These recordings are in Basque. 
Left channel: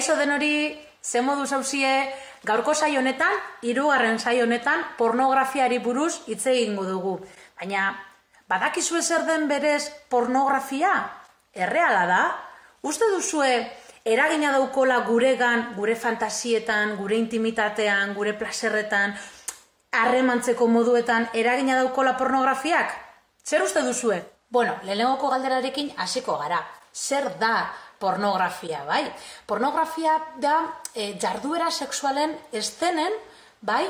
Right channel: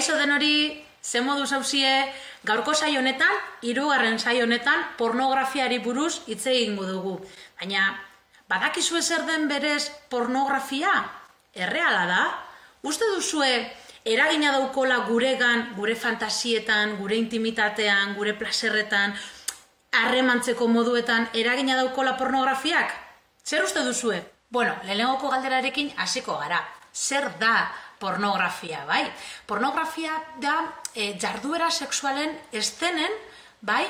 Kaixo denori, ze modu zauzie, gaurko saio honetan, 3. saio honetan, pornografiari buruz hitz egingo dugu. Baina, badakizue zer den berez pornografia? Erreala da? Uste duzue eragina daukola guregan, gure fantasietan, gure intimitatean, gure plaserretan, harremantzeko moduetan eragina daukola pornografiak? Zer uste duzue? Bueno, lehenengoko galderarekin hasiko gara. Zer da pornografia, bai? Pornografia da jarduera sexualen eszenen, bai,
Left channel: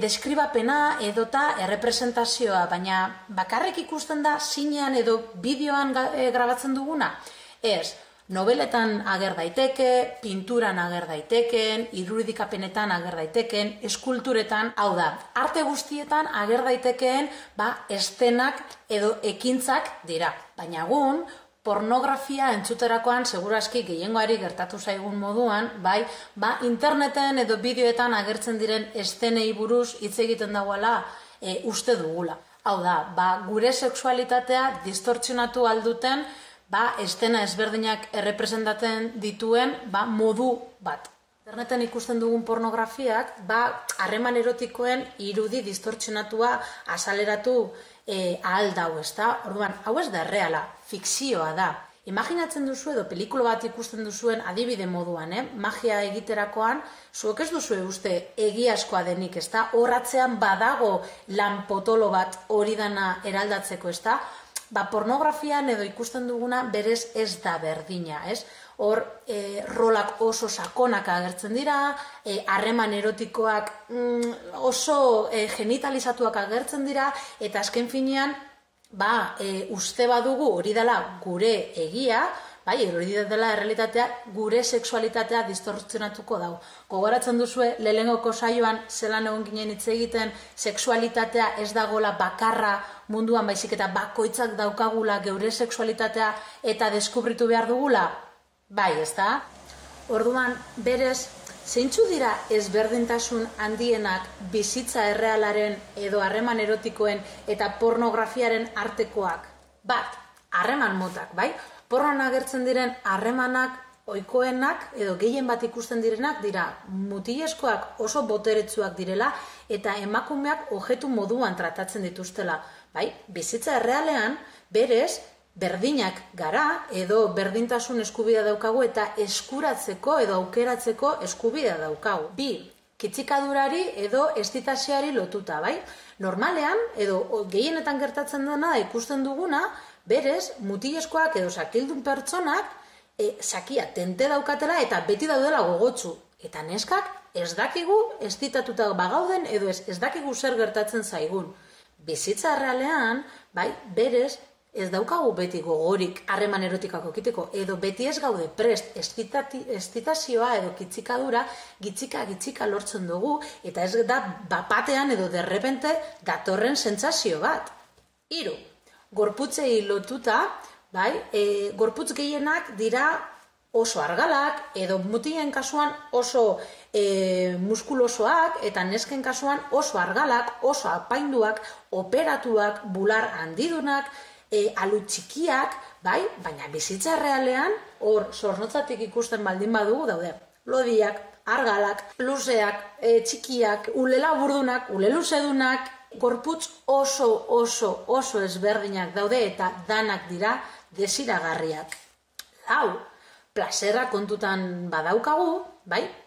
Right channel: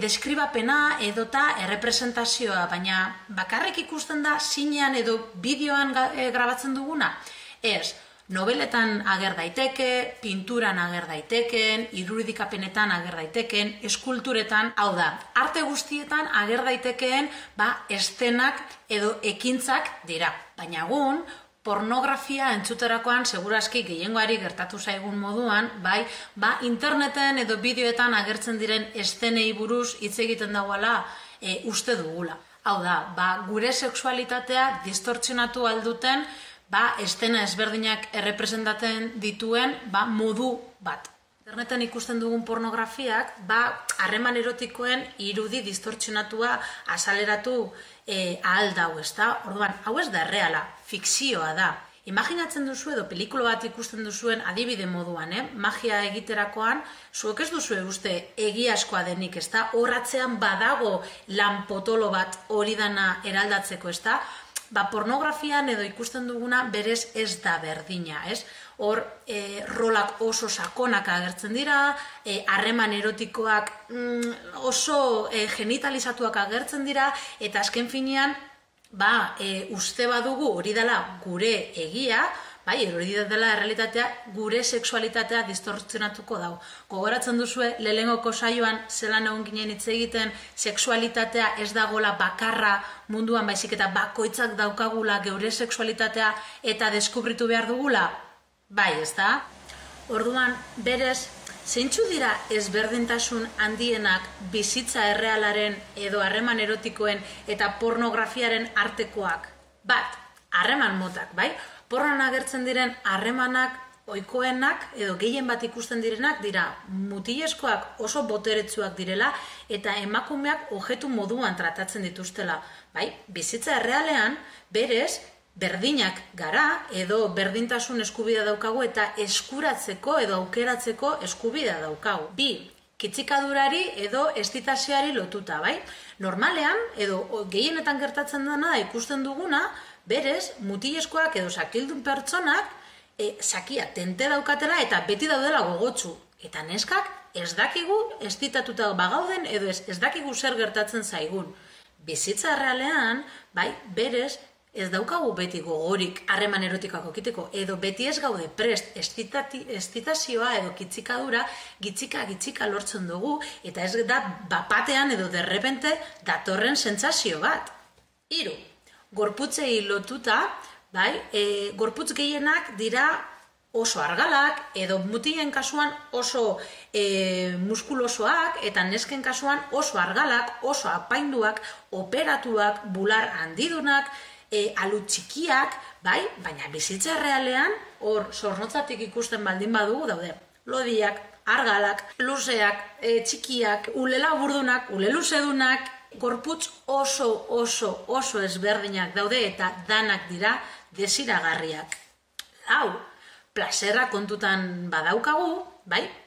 deskribapena edota errepresentazioa, baina bakarrik ikusten da zinean edo bideoan grabatzen duguna? Ez, nobeletan ager daiteke, pinturan ager daiteken, irudikapenetan ager daiteken, eskulturetan, hau da, arte guztietan ager daitekeen eszenak edo ekintzak dira. Baina egun, pornografia entzuterakoan segurazki gehiengoari gertatu zaigun moduan, interneten edo bideoetan agertzen diren eszenei buruz hitz egiten dagoela uste dugula. Hau da, gure sexualitatea distortzionatu alduten eszena ezberdinak errepresentatzen dituen modu bat. Interneten ikusten dugun pornografiak harreman erotikoen irudi distortzionatua azaleratu ahal dau, ezta? Orduan, hau ez da erreala, fikzioa da. Imaginatzen duzu edo pelikula bat ikusten duzuen adibide moduan, magia egiterakoan, zuek ez duzue uste egiazkoa denik, ezta? Horratzean badago lan potolo bat hori dana eraldatzeko, ezta? Pornografian edo ikusten duguna berez ez da berdina, ez? Hor, rolak oso sakonak agertzen dira, harreman erotikoak oso genitalizatuak agertzen dira, eta azken finean, uste badugu hori dela gure egia, hori dela errealitatea, gure sexualitatea distortzionatuko dau. Gogoratzen duzue, lehenengoko saioan zelan egon ginen hitz egiten, sexualitatea ez dagoela bakarra munduan, baizik eta bakoitzak daukagula geure sexualitatea eta deskubritu behar dugula? Bai, ez da? Orduan, berez, zeintzu dira ezberdintasun handienak bizitza errealaren edo harreman erotikoen eta pornografiaren artekoak? Bat, harreman motak, bai? Pornoan agertzen diren harremanak ohikoenak edo gehien bat ikusten direnak dira mutilezkoak oso boteretsuak direla eta emakumeak objektu moduan tratatzen dituztela. Bai, bizitza errealean berez berdinak gara edo berdintasun eskubidea daukagu eta eskuratzeko edo aukeratzeko eskubidea daukagu. Bi, kitzikadurari edo estitazioari lotuta, bai? Normalean edo gehienetan gertatzen dena ikusten duguna, berez, mutilezkoak edo sakildun pertsonak sakia tente daukatela eta beti daudela gogotsu. Eta neskak ez dakigu estitatuta bagauden edo ez dakigu zer gertatzen zaigun. Bizitza errealean, bai, berez, ez daukagu beti gogorik harreman erotikoak okiteko, edo beti ez gaude prest estitazioa edo kitzikadura gitzika lortzen dugu, eta ez da bapatean edo derrepente datorren sentsazio bat. 3. Gorputzei lotuta, gorputz gehienak dira oso argalak, edo mutilen kasuan oso muskulosoak, eta nesken kasuan oso argalak, oso apainduak, operatuak, bular handidunak, alu txikiak, baina bizitza errealean, hor zornotzatik ikusten baldin badugu daude. Lodiak, argalak, luzeak, txikiak, ulela burdunak, ule luzedunak, gorputz oso ezberdinak daude eta danak dira desiragarriak. 4. Plaserra kontutan badaukagu,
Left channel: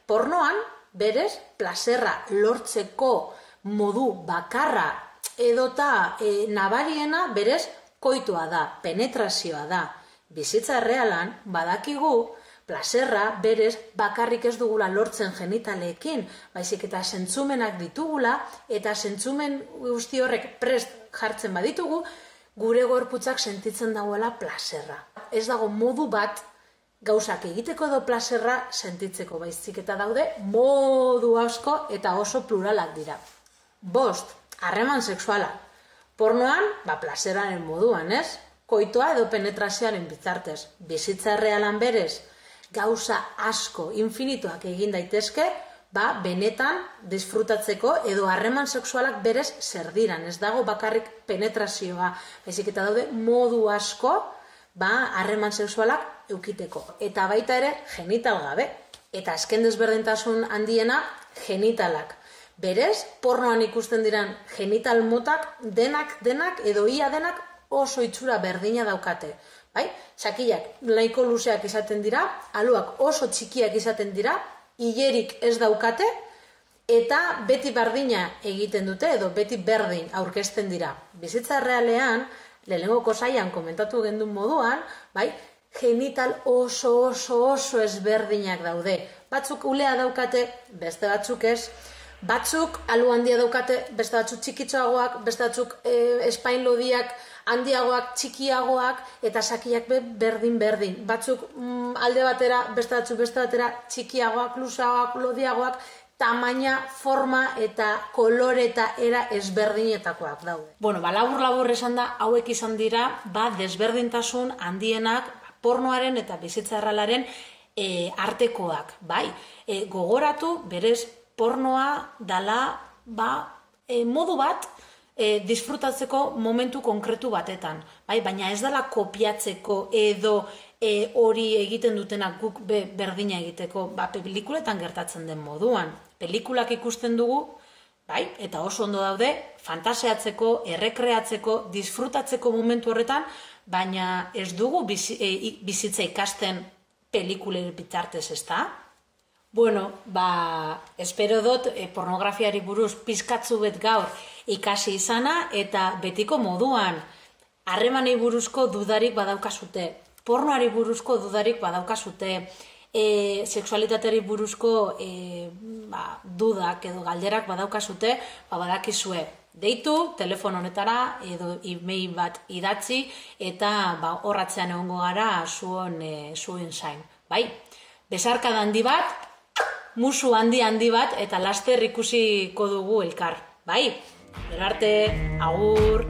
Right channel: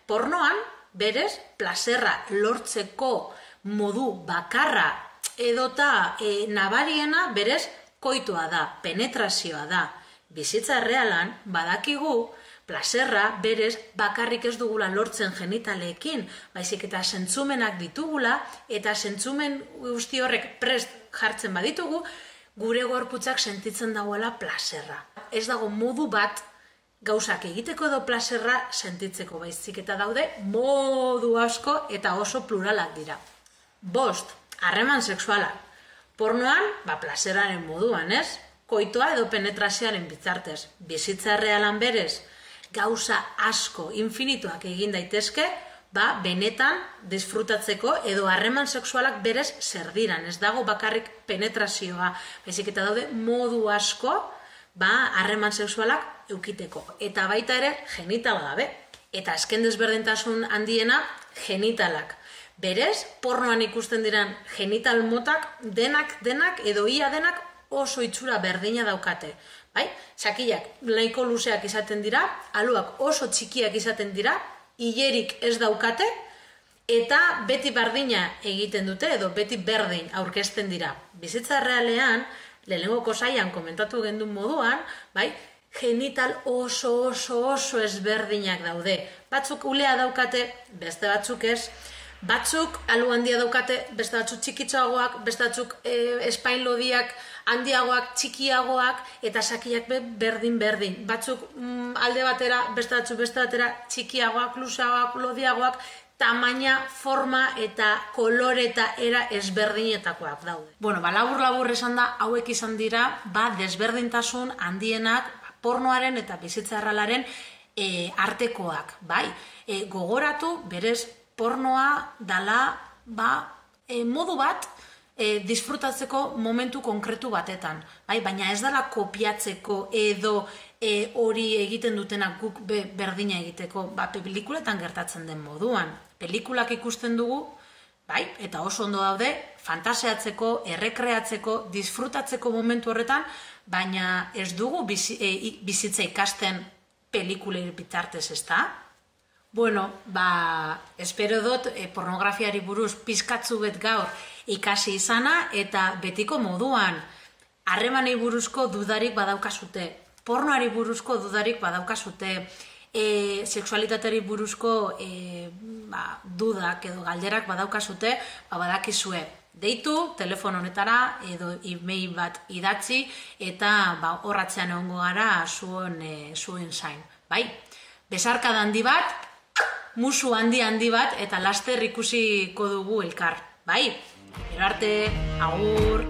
pornoan berez plaserra lortzeko modu bakarra edota nabariena berez koitua da, penetrazioa da. Bizitza errealan badakigu plaserra berez bakarrik ez dugula lortzen genitaleekin, baizik eta zentzumenak ditugula eta zentzumen guzti horrek prest jartzen baditugu, gure gorputzak sentitzen dagoela plaserra. Ez dago modu bat gauzak egiteko edo plaserra sentitzeko, baizik eta daude modu asko eta oso pluralak dira. 5. Harreman sexuala. Pornoan, plaseraren moduan, ez? Koitoa edo penetrazioaren bitartez. Bizitza errealan berez, gauza asko, infinituak egin daitezke, benetan disfrutatzeko edo harreman sexualak berez zer diran. Ez dago bakarrik penetrazioa, baizik eta daude modu asko harreman sexualak eukiteko. Eta baita ere genital gabe. Eta azken desberdintasun handiena, genitalak. Berez, pornoan ikusten diran genital motak denak edo ia denak oso itxura berdina daukate. Bai? Txakiak nahiko luzeak izaten dira, aluak oso txikiak izaten dira, hilerik ez daukate, eta beti berdina egiten dute edo beti berdin aurkezten dira. Bizitza errealean, lehenengoko saian komentatu gendun moduan, bai? Genital oso ezberdinak daude. Batzuk ulea daukate, beste batzuk ez. Batzuk alu handia daukate, beste batzuk txikitxoagoak, beste batzuk espain lodiak handiagoak, txikiagoak, eta sakiak berdin. Batzuk alde batera, beste batzuk beste batera, txikiagoak, luzeagoak, lodiagoak, tamaina, forma eta kolore eta era ezberdinetakoak daude. Bueno, labur esan da, hauek izan dira, desberdintasun handienak pornoaren eta bizitza errealaren artekoak, bai? Gogoratu, berez, pornoa dala modu bat disfrutatzeko momentu konkretu batetan, bai? Baina ez dala kopiatzeko edo hori egiten dutenak guk berdina egiteko, pelikuletan gertatzen den moduan. Pelikulak ikusten dugu, bai? Eta oso ondo daude, fantaseatzeko, errekreatzeko, disfrutatzeko momentu horretan, baina ez dugu bizitza ikasten pelikulei bitartez, ezta? Bueno, espero dut pornografiari buruz pizkatzu bet gaur ikasi izana eta betiko moduan harremanei buruzko dudarik badaukazute, pornoari buruzko dudarik badaukazute, sexualitateari buruzko dudak edo galderak badaukazute, badakizue. Deitu, telefono honetara edo e-mail bat idatzi eta horratzean egongo gara zuen zain. Bai? Besarkada handi bat, musu handi bat eta laster ikusiko dugu elkar. Bai? Gero arte, agur!